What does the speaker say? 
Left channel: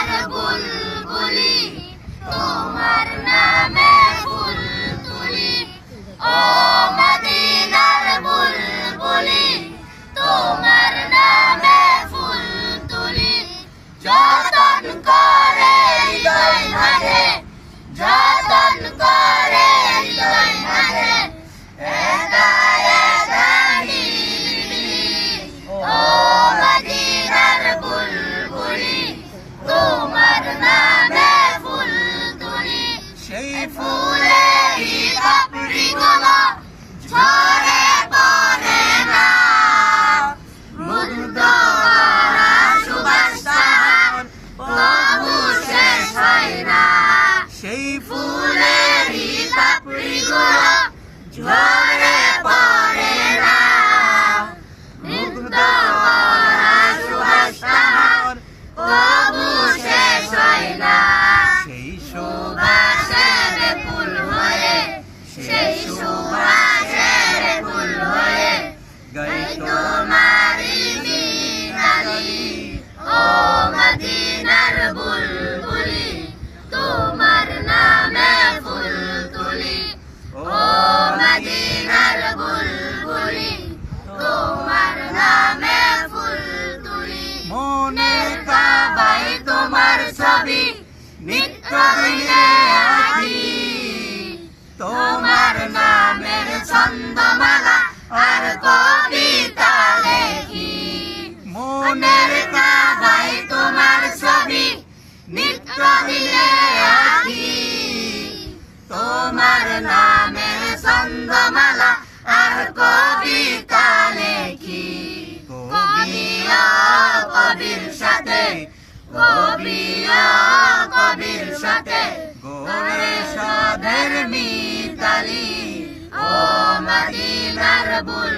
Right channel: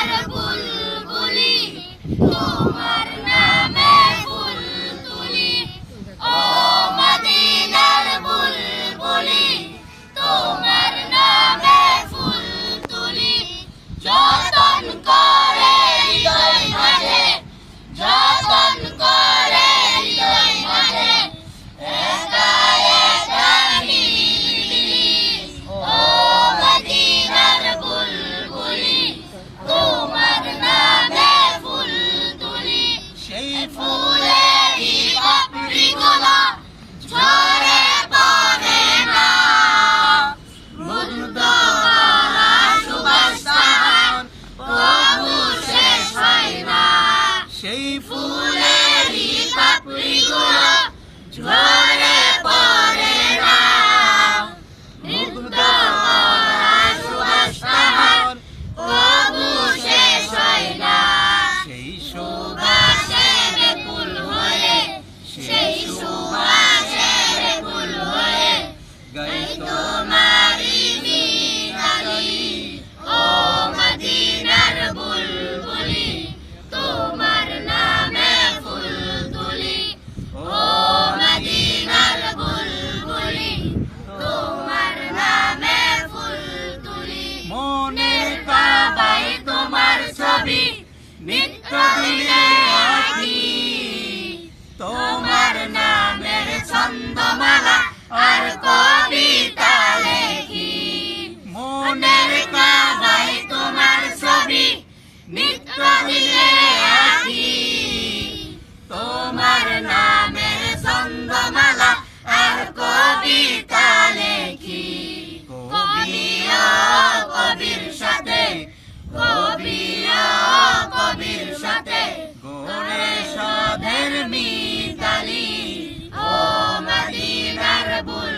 মদিনার বুলবুলি তোমার নামে ফুল তুলি ও মদিনার বুলবুলি তোমার নামে ফুল তুলি যতন করে হৃদয় মাঝে যতন করে হৃদয় মাঝে একা একা নিরিবিলি ও মদিনার বুলবুলি তোমার নামে ফুল তুলি সেই ফুলেরই পাপড়িগুলো ঝরে পড়ে না মুগ্ধ করা সুবাস তাহার তবু শেষ হয় না সেই ফুলেরই পাপড়িগুলো ঝরে পড়ে না মুগ্ধ করা সুবাস তাহার তবু শেষ হয় না সেই সুবাসের ফুল হয়ে সেই সুবাসের ফুল হয়ে গাই তোমারি মিতালি ও মদিনার বুলবুলি তোমার নামে ফুল তুলি ও মদিনার বুলবুলি তোমার নামে ফুল তুলি মনের কাবায় তোমার ছবি নিত্য দিনে আঁকি তোমার নামের ছন্দমালা আর কবিতা লেখি মনের কাবায় তোমার ছবি নিত্য দিনে আঁকি তোমার নামের ছন্দমালা আর কবিতা লেখি কবিও কবির সাথে কবিও কবির সাথে গোরে সাধের মিতালি ও মদিনার বুল